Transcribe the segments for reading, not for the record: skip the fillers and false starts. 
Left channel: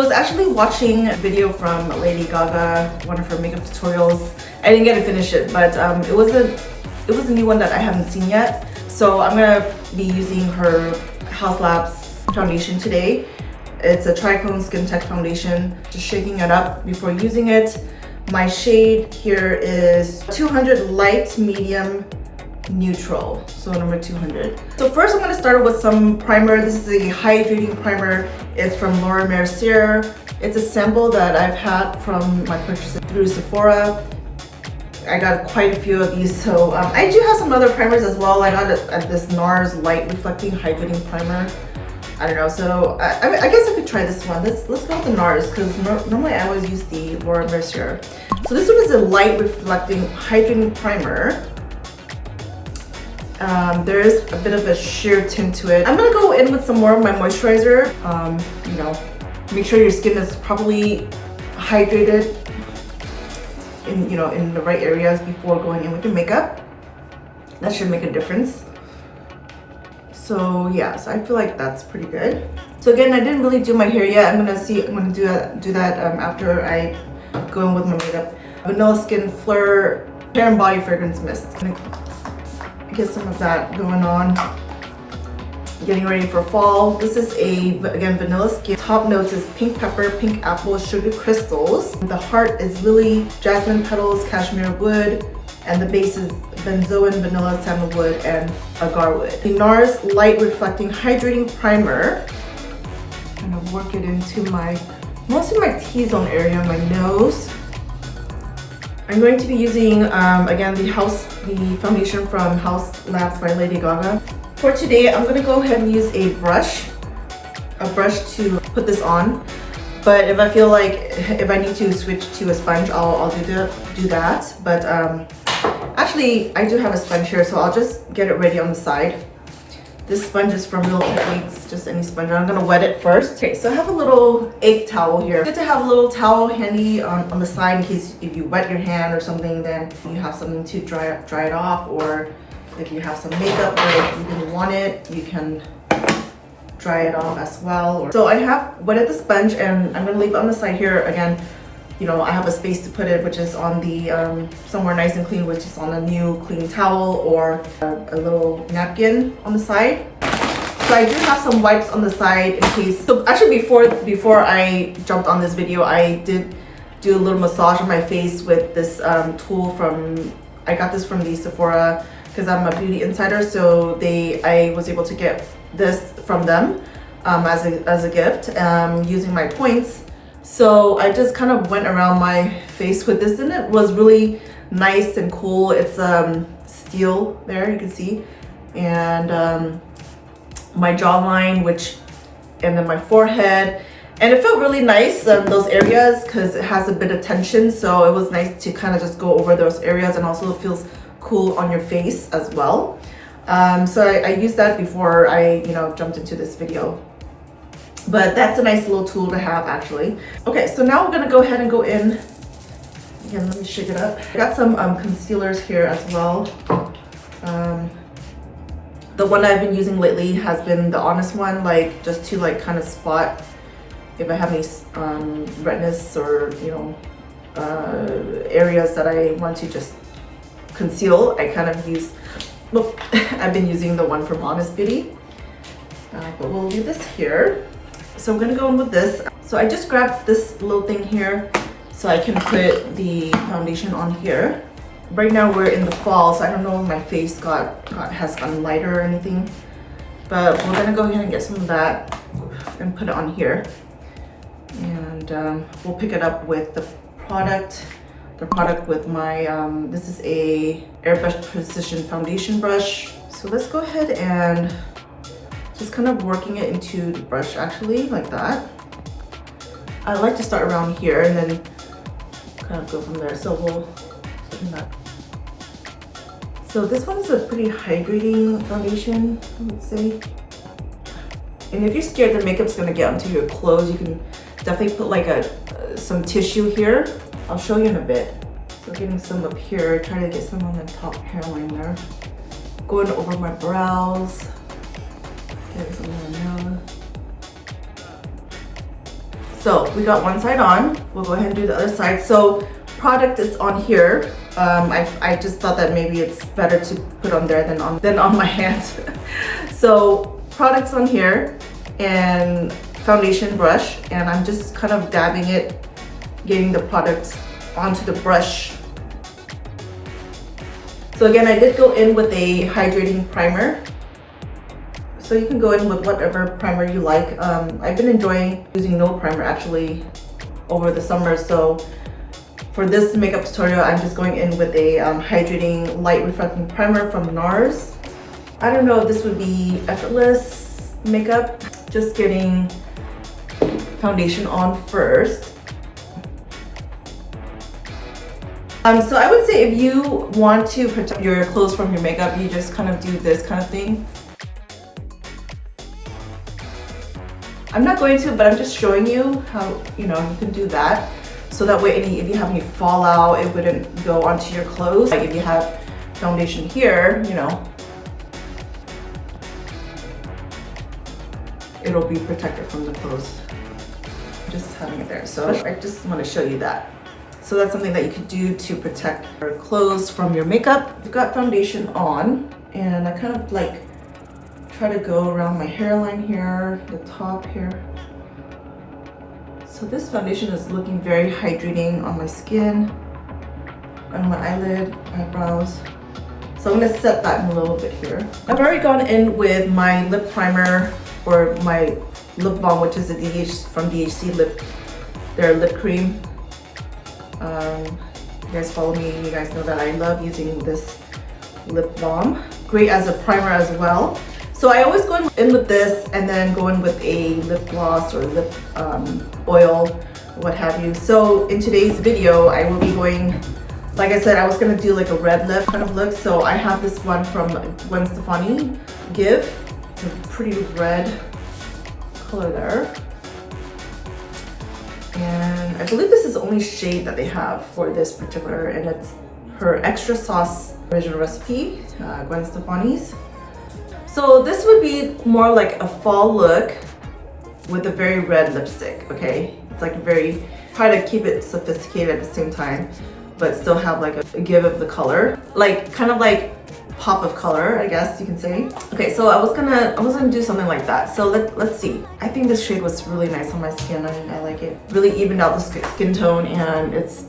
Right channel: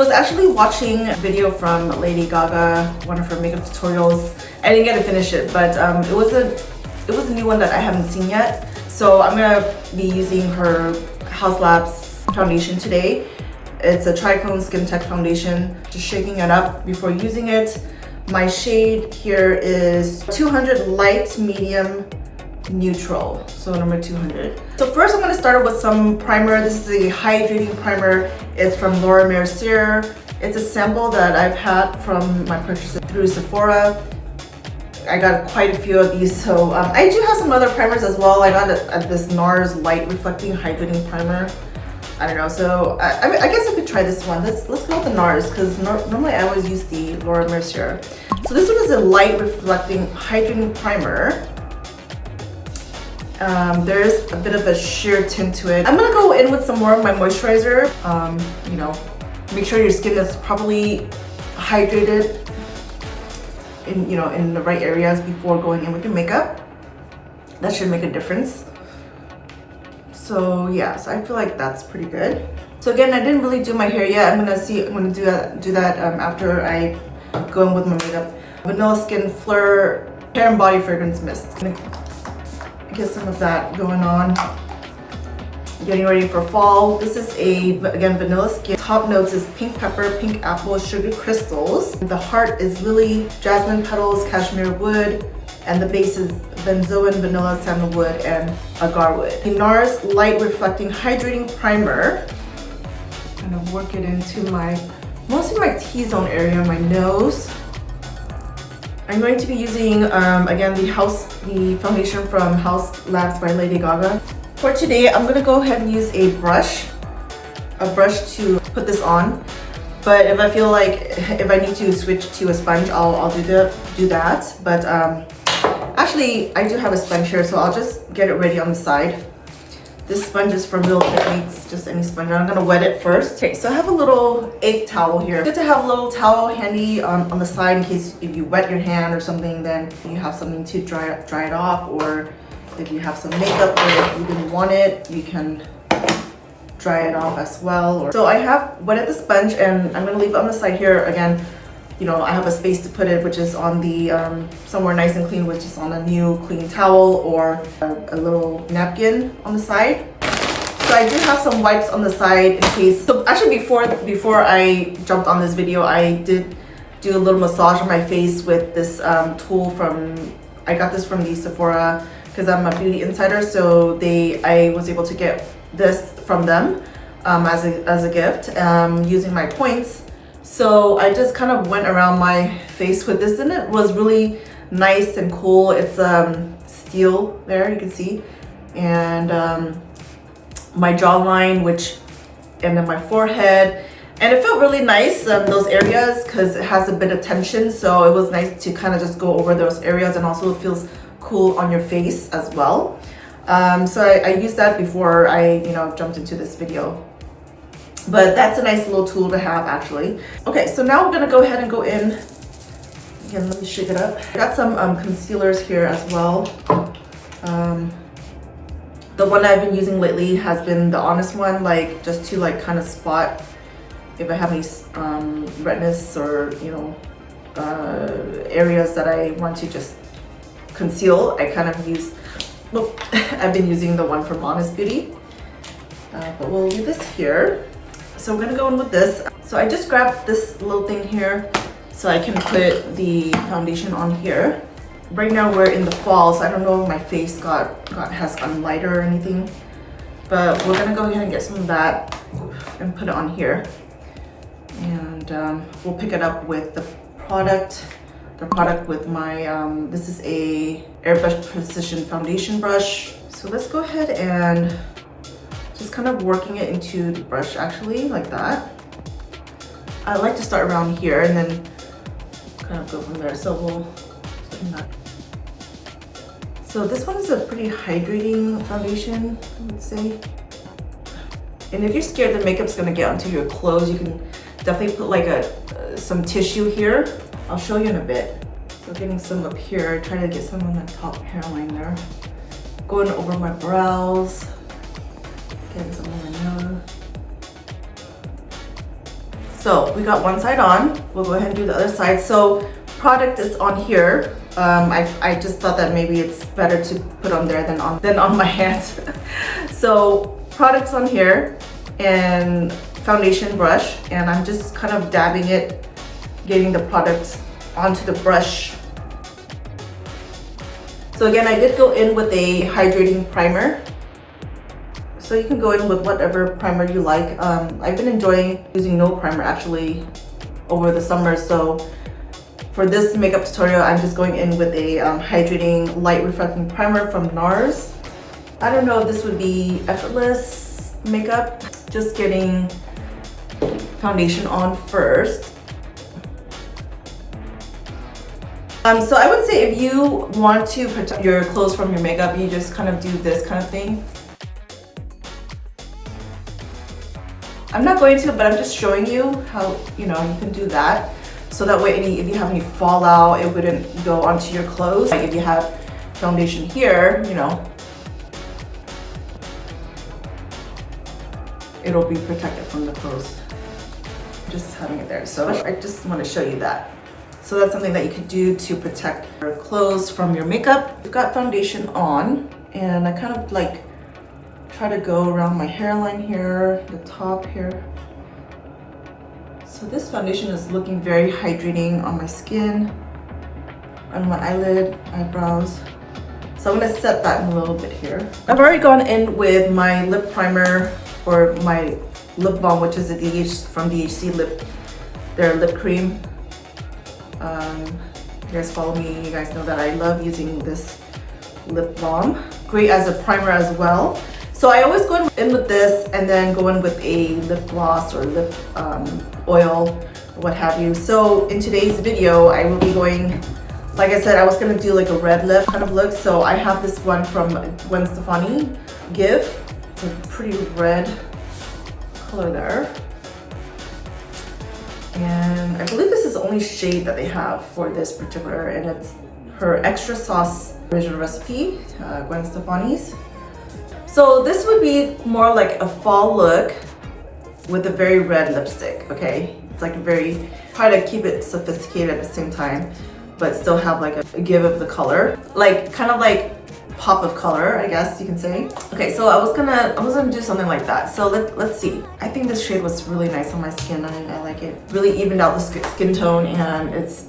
was actually watching a video from Lady Gaga, one of her makeup tutorials. I didn't get to finish it, but it was a new one that I haven't seen yet. So I'm gonna be using her Haus Labs foundation today. It's a Tricone Skin Tech foundation. Just shaking it up before using it. My shade here is 200 light, medium, neutral. So number 200. So first I'm gonna start with some primer. This is a hydrating primer. It's from Laura Mercier. It's a sample that I've had from my purchases through Sephora. I got quite a few of these, so I do have some other primers as well. I got this NARS Light Reflecting Hydrating Primer. I don't know, so I guess I could try this one. Let's go with the NARS, because normally I always use the Laura Mercier. So this one is a Light Reflecting Hydrating Primer. There's a bit of a sheer tint to it. I'm gonna go in with some more of my moisturizer. You know, make sure your skin is properly hydrated in the right areas before going in with your makeup. That should make a difference. So yeah, so I feel like that's pretty good. So again, I didn't really do my hair yet. I'm gonna do that after I go in with my makeup. Vanilla Skin Fleur Hair and Body Fragrance Mist. Get some of that going on. Getting ready for fall. This is again, Vanilla Skin. Top notes is pink pepper, pink apple, sugar crystals. The heart is lily, jasmine petals, cashmere wood, and the base is benzoin, vanilla, sandalwood, and agar wood. The NARS Light Reflecting Hydrating Primer. I'm gonna work it into mostly my T-zone area, my nose. I'm going to be using, again, the foundation from Haus Labs by Lady Gaga. For today, I'm gonna go ahead and use a brush to put this on. But if I feel like, if I need to switch to a sponge, I'll do that. But actually, I do have a sponge here, so I'll just get it ready on the side. This sponge is from Real Techniques, just any sponge. I'm gonna wet it first. Okay, so I have a little egg towel here. Good to have a little towel handy on the side in case if you wet your hand or something, then you have something to dry it off, or if you have some makeup where you didn't want it, you can dry it off as well. So I have wetted the sponge and I'm gonna leave it on the side here. Again, you know, I have a space to put it, which is on the somewhere nice and clean, which is on a new clean towel or a little napkin on the side. So I do have some wipes on the side in case. So actually before I jumped on this video, I did do a little massage on my face with this tool I got this from the Sephora because I'm a beauty insider. So I was able to get this from them as a gift using my points. So I just kind of went around my face with this, and it was really nice and cool. It's steel there, you can see, and my jawline, and then my forehead, and it felt really nice, those areas, because it has a bit of tension. So it was nice to kind of just go over those areas, and also it feels cool on your face as well. So I used that before I jumped into this video. But that's a nice little tool to have, actually. Okay, so now we're gonna go ahead and go in. Again, let me shake it up. I got some concealers here as well. The one I've been using lately has been the Honest one, just to kind of spot if I have any redness or areas that I want to just conceal. I kind of use, well, I've been using the one from Honest Beauty, but we'll leave this here. So we're gonna go in with this. So I just grabbed this little thing here so I can put the foundation on here. Right now we're in the fall, so I don't know if my face has gotten lighter or anything, but we're gonna go ahead and get some of that and put it on here. And we'll pick it up with the product with my, this is a Airbrush Precision Foundation brush. So let's go ahead and just kind of working it into the brush, actually, like that. I like to start around here and then kind of go from there. So we'll start from that. So this one is a pretty hydrating foundation, I would say. And if you're scared the makeup's gonna get onto your clothes, you can definitely put some tissue here. I'll show you in a bit. So getting some up here, trying to get some on the top hairline there. Going over my brows. Getting some on my nose. So we got one side on, we'll go ahead and do the other side. So product is on here. I just thought that maybe it's better to put on there than on my hands. So product's on here and foundation brush, and I'm just kind of dabbing it, getting the product onto the brush. So again, I did go in with a hydrating primer. So you can go in with whatever primer you like. I've been enjoying using no primer actually over the summer. So for this makeup tutorial, I'm just going in with a hydrating light reflecting primer from NARS. I don't know if this would be effortless makeup. Just getting foundation on first. So I would say if you want to protect your clothes from your makeup, you just kind of do this kind of thing. I'm not going to, but I'm just showing you how, you can do that. So that way, if you have any fallout, it wouldn't go onto your clothes. Like if you have foundation here, it'll be protected from the clothes. Just having it there. So I just want to show you that. So that's something that you could do to protect your clothes from your makeup. I've got foundation on, and I kind of like try to go around my hairline here, the top here. So this foundation is looking very hydrating on my skin, on my eyelid, eyebrows. So I'm gonna set that in a little bit here. I've already gone in with my lip primer or my lip balm, which is from DHC their lip cream. You guys follow me, you guys know that I love using this lip balm. Great as a primer as well. So I always go in with this and then go in with a lip gloss or lip oil, what have you. So in today's video, I will be going, like I said, I was gonna do like a red lip kind of look. So I have this one from Gwen Stefani, Give. It's a pretty red color there. And I believe this is the only shade that they have for this particular, and it's her extra sauce original recipe, Gwen Stefani's. So this would be more like a fall look with a very red lipstick, okay? It's like try to keep it sophisticated at the same time, but still have like a give of the color. Like, kind of like pop of color, I guess you can say. Okay, so I was gonna do something like that. So let's see. I think this shade was really nice on my skin. I like it. Really evened out the skin tone, and it's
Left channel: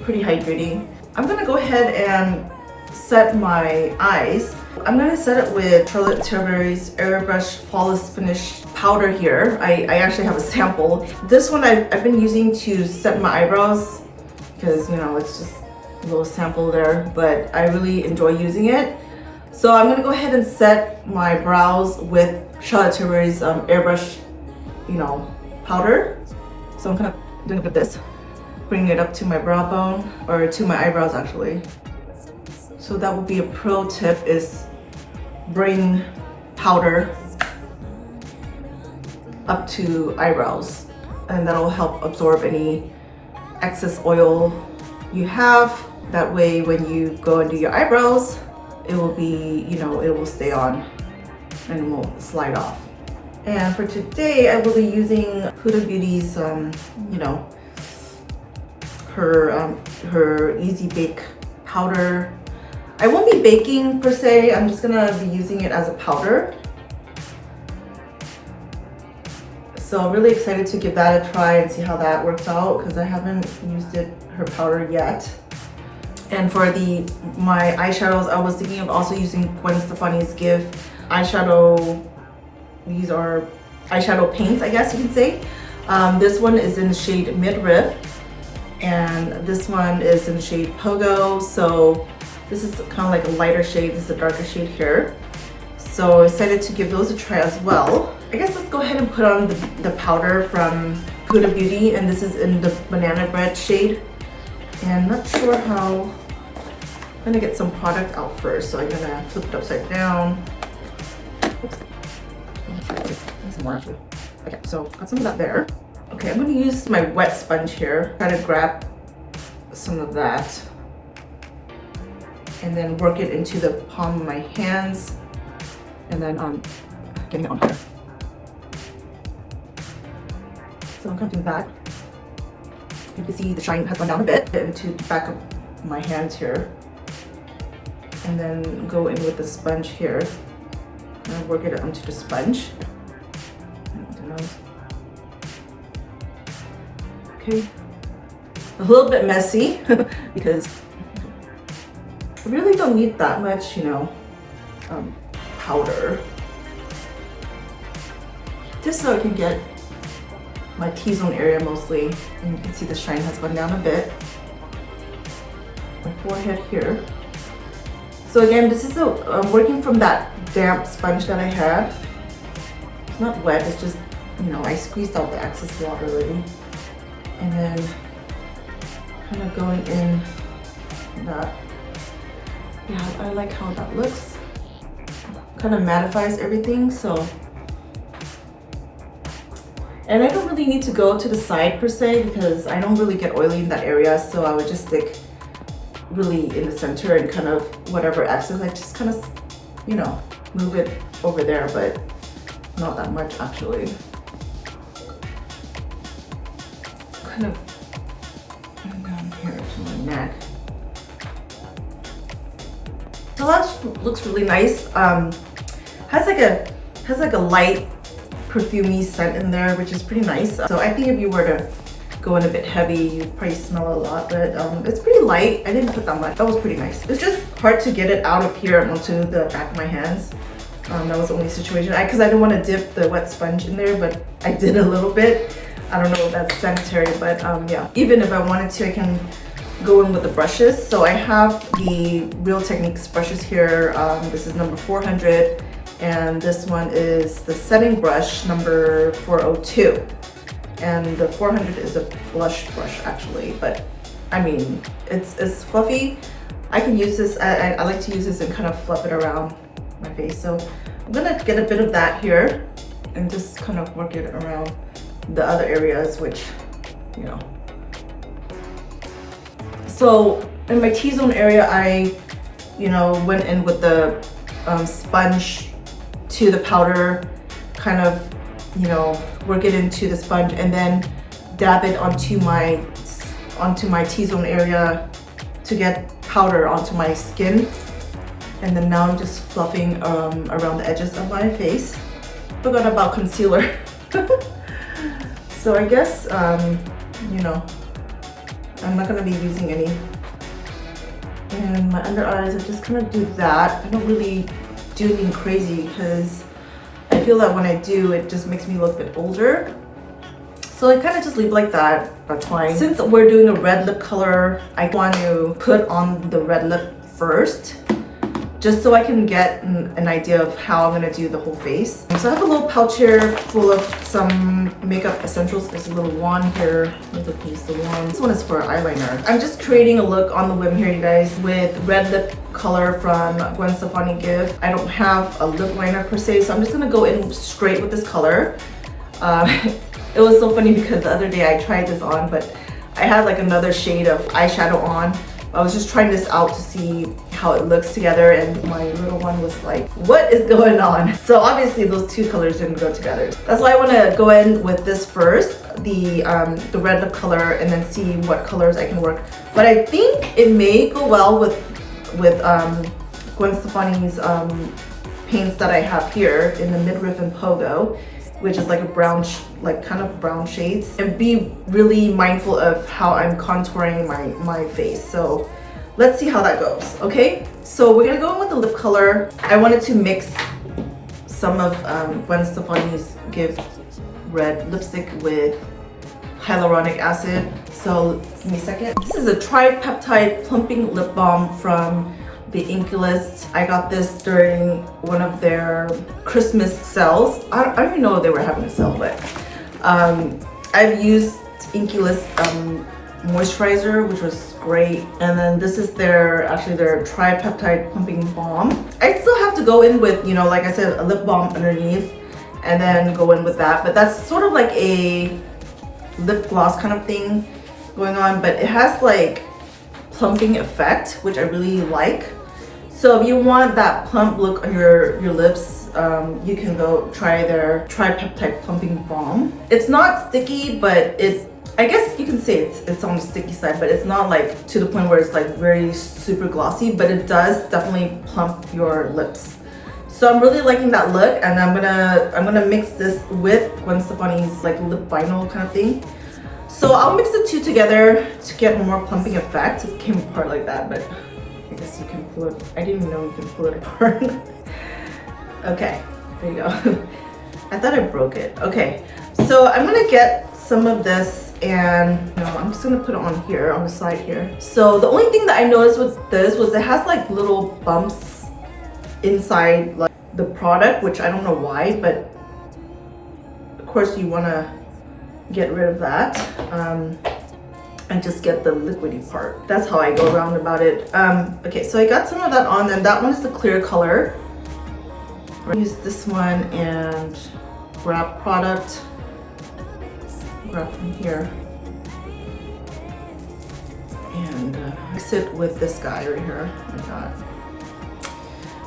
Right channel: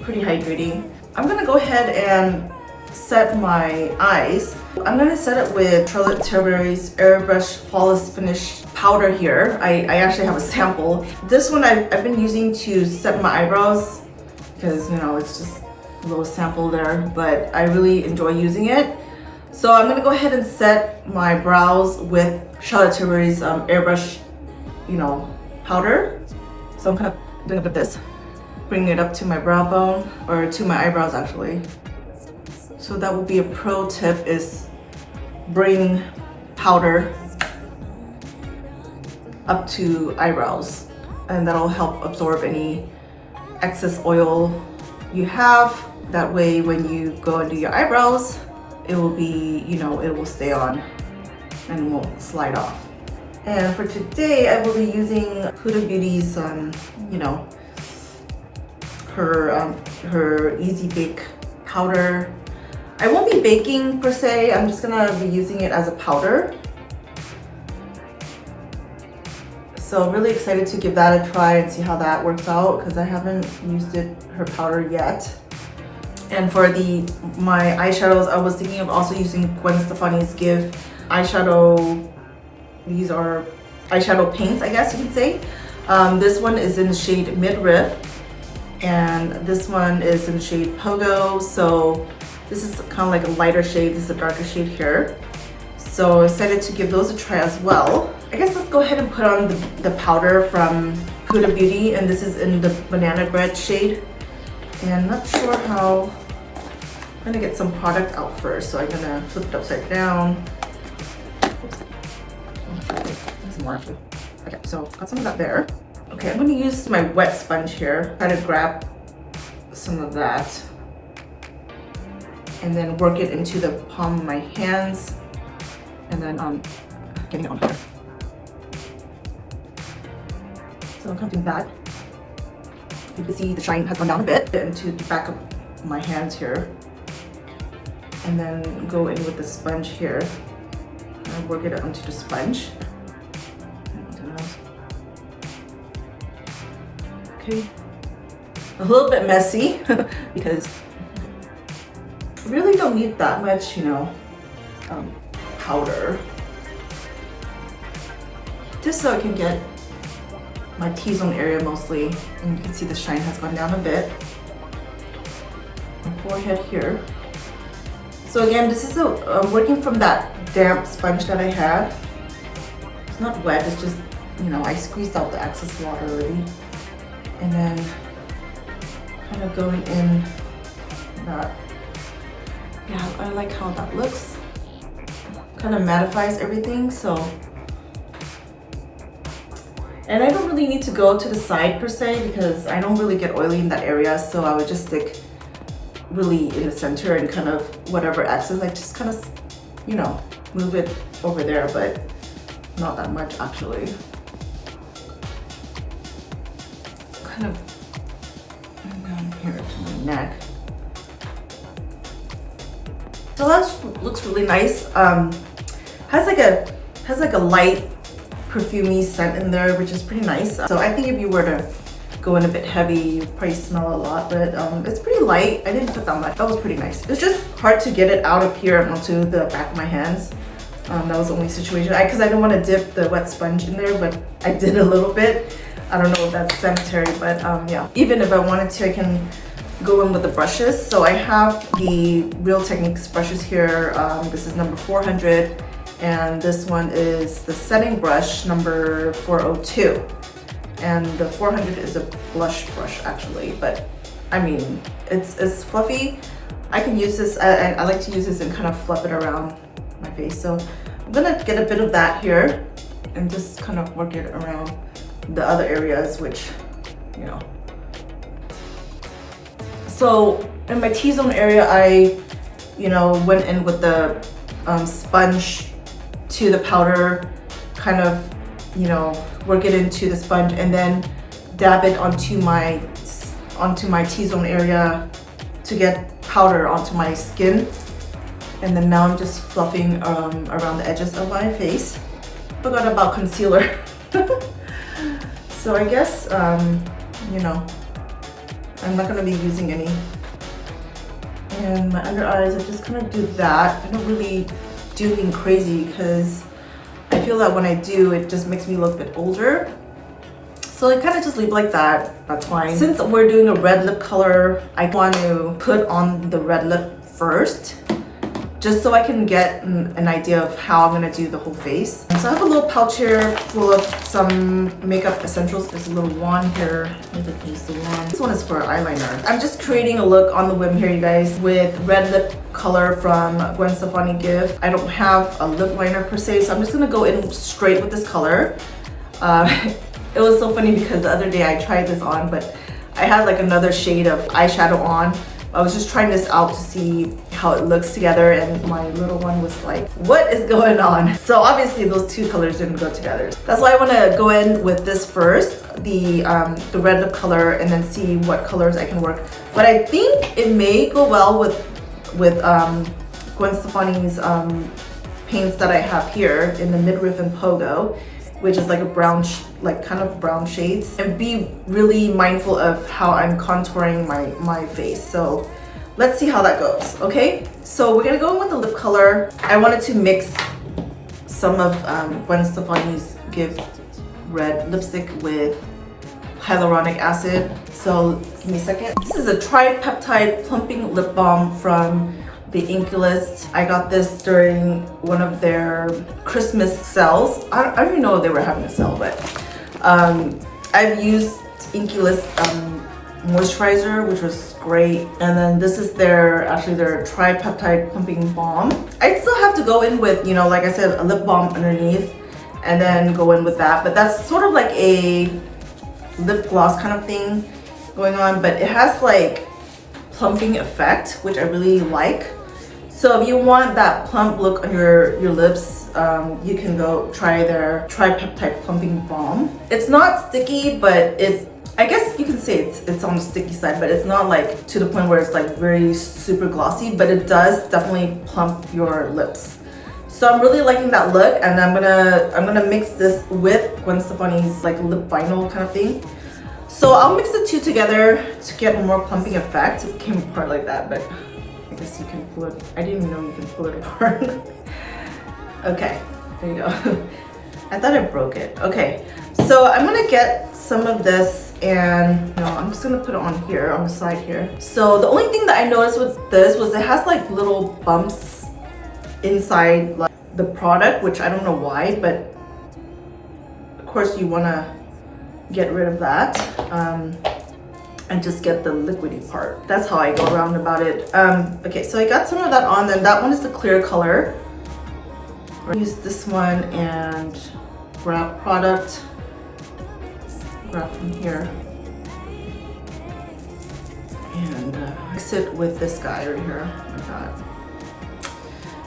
pretty hydrating. I'm gonna go ahead and set my eyes. I'm gonna set it with Charlotte Tilbury's Airbrush Flawless Finish powder here. I actually have a sample. This one I've been using to set my eyebrows because, it's just a little sample there, but I really enjoy using it. So I'm gonna go ahead and set my brows with Charlotte Tilbury's Airbrush, powder. So I'm kind of doing a bit of this, bringing it up to my brow bone, or to my eyebrows actually. So that will be a pro tip, is bring powder up to eyebrows, and that'll help absorb any excess oil you have. That way when you go and do your eyebrows, it will be, it will stay on and won't slide off. And for today, I will be using Huda Beauty's, her Easy Bake powder. I won't be baking per se, I'm just gonna be using it as a powder. So I'm really excited to give that a try and see how that works out, because I haven't used her powder yet. And for my eyeshadows, I was thinking of also using Gwen Stefani's Give eyeshadow. These are eyeshadow paints, I guess you can say. This one is in the shade Midriff, and this one is in the shade Pogo. So this is kind of like a lighter shade. This is a darker shade here. So excited to give those a try as well. I guess let's go ahead and put on the powder from Huda Beauty, and this is in the banana bread shade. And not sure how. I'm gonna get some product out first, so I'm gonna flip it upside down. Oops. Some more actually. Okay, so got some of that there. Okay, I'm gonna use my wet sponge here. Try to grab some of that and then work it into the palm of my hands, and then getting it on here. So I'm gonna do that. You can see the shine has gone down a bit into the back of my hands here. And then go in with the sponge here. And work it onto the sponge. And onto the nose. Okay. A little bit messy because I really don't need that much, you know, powder. Just so I can get my T-zone area mostly. And you can see the shine has gone down a bit. My forehead here. So again, this is working from that damp sponge that I had. It's not wet, it's just, you know, I squeezed out the excess water already. And then kind of going in that. Yeah, I like how that looks. Kind of mattifies everything, so. And I don't really need to go to the side per se because I don't really get oily in that area, so I would just stick really in the center and kind of whatever excess, I just kind of, you know, move it over there, but not that much actually. Kind of down here to my neck. So that looks really nice. Has like a light perfumey scent in there, which is pretty nice. So I think if you were to go in a bit heavy, you'd probably smell a lot, but it's pretty light. I didn't put that much. That was pretty nice. It was just hard to get it out of here and onto the back of my hands. That was the only situation. Because I didn't want to dip the wet sponge in there, but I did a little bit. I don't know if that's sanitary, but yeah. Even if I wanted to, I can go in with the brushes. So I have the Real Techniques brushes here. This is number 400. And this one is the setting brush number 402. And the 400 is a blush brush actually, but I mean, it's fluffy. I can use this, I like to use this and kind of fluff it around my face. So I'm gonna get a bit of that here and just kind of work it around the other areas, which, you know. So in my T-zone area, I, you know, went in with the sponge to the powder, kind of, you know, work it into the sponge and then dab it onto my T-zone area to get powder onto my skin. And then now I'm just fluffing around the edges of my face. Forgot about concealer. So I guess, you know, I'm not gonna be using any. And my under eyes, I just kind of do that. I don't really do anything crazy because I feel that when I do, it just makes me look a bit older. So I kind of just leave it like that, that's fine. Since we're doing a red lip color, I want to put on the red lip first, just so I can get an idea of how I'm gonna do the whole face. So I have a little pouch here full of some makeup essentials. There's a little wand here. Maybe I can use the wand. This one is for eyeliner. I'm just creating a look on the whim here, you guys, with red lip color from Gwen Stefani gift. I don't have a lip liner per se, so I'm just gonna go in straight with this color. It was so funny because the other day I tried this on, but I had like another shade of eyeshadow on. I was just trying this out to see how it looks together, and my little one was like, what is going on? So obviously those two colors didn't go together. That's why I want to go in with this first, the red lip color, and then see what colors I can work. But I think it may go well with Gwen Stefani's paints that I have here in the midriff and pogo, which is like a brown, like kind of brown shades. And be really mindful of how I'm contouring my face. So let's see how that goes, okay? So we're gonna go in with the lip color. I wanted to mix some of Gwen Stefani's gift red lipstick with hyaluronic acid. So give me a second. This is a tripeptide plumping lip balm from the Inklist. I got this during one of their Christmas sales. I don't even know if they were having a sale, but I've used Inklist moisturizer, which was great. And then this is their tripeptide plumping balm. I still have to go in with, you know, like I said, a lip balm underneath and then go in with that. But that's sort of like a lip gloss kind of thing going on, but it has like plumping effect, which I really like. So if you want that plump look on your lips, you can go try their Tripeptide Plumping Balm. It's not sticky, but I guess you can say it's on the sticky side, but it's not like to the point where it's like very super glossy, but it does definitely plump your lips. So I'm really liking that look, and I'm gonna mix this with Gwen Stefani's like lip vinyl kind of thing. So I'll mix the two together to get a more plumping effect. It came apart like that, but I guess you can pull it. I didn't even know you can pull it apart. Okay, there you go. I thought I broke it. Okay, so I'm gonna get some of this, and I'm just gonna put it on here, on the side here. So the only thing that I noticed with this was it has like little bumps inside like the product, which I don't know why, but of course you wanna get rid of that. And just get the liquidy part. That's how I go around about it. Okay, so I got some of that on, and that one is the clear color. I'll use this one and grab product, grab from here, and mix it with this guy right here, like that.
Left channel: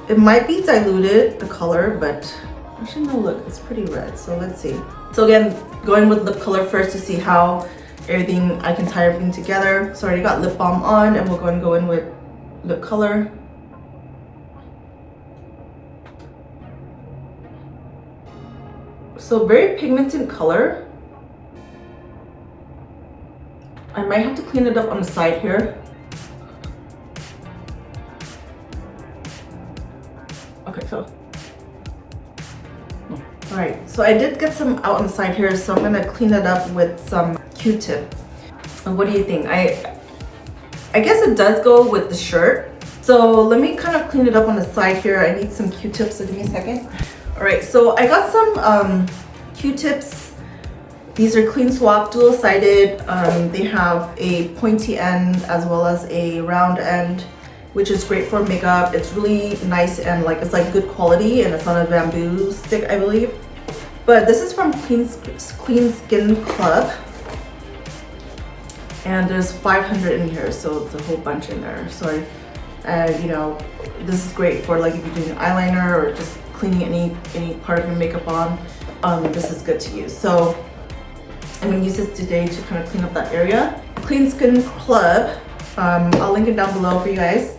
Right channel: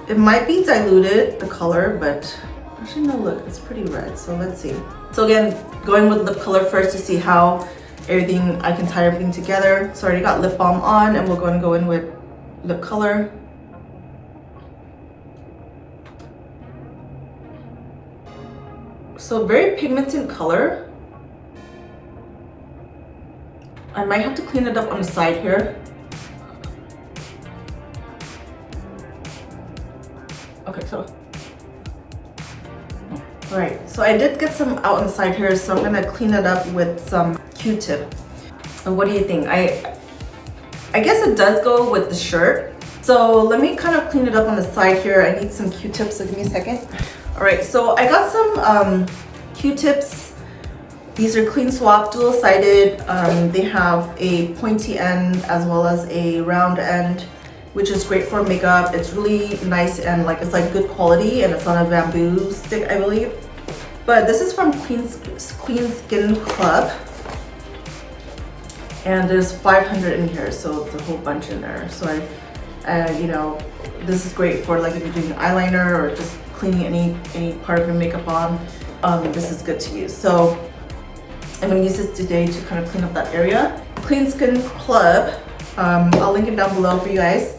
It might be diluted, the color, but actually no, look, it's pretty red, so let's see. So again, going with lip color first to see how I can tie everything together. So I already got lip balm on, and we're going to go in with lip color. So very pigmented color. I might have to clean it up on the side here. Okay, so all right, so I did get some out on the side here, so I'm gonna clean it up with some Q-tip. And what do you think? I guess it does go with the shirt. So let me kind of clean it up on the side here. I need some Q-tips, so give me a second. All right, so I got some Q-tips. These are clean swap, dual-sided. They have a pointy end as well as a round end, which is great for makeup. It's really nice and it's like good quality, and it's on a bamboo stick, I believe. But this is from Clean Skin Club, and there's 500 in here, so it's a whole bunch in there. So this is great for like if you're doing eyeliner or just cleaning any part of your makeup on. This is good to use. So I'm gonna use this today to kind of clean up that area. Clean Skin Club. I'll link it down below for you guys,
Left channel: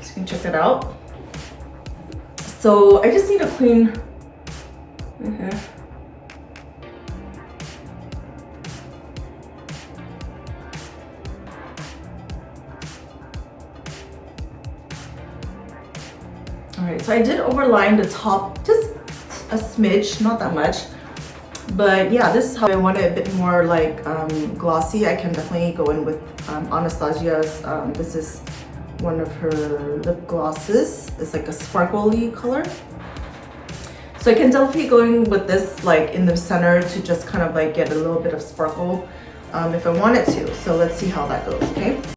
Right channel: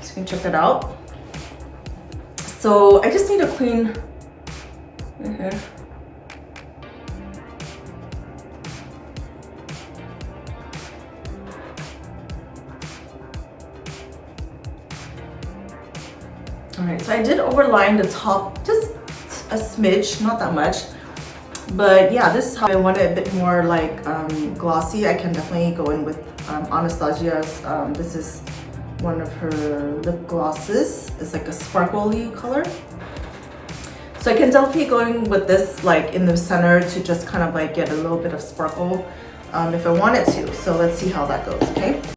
so you can check that out. So I just need to clean. All right, so I did overline the top just a smidge, not that much. But yeah, this is how I want it a bit more like glossy. I can definitely go in with Anastasia's. This is one of her lip glosses. It's like a sparkly color. So I can definitely go in with this like in the center to just kind of like get a little bit of sparkle if I wanted to. So let's see how that goes, okay?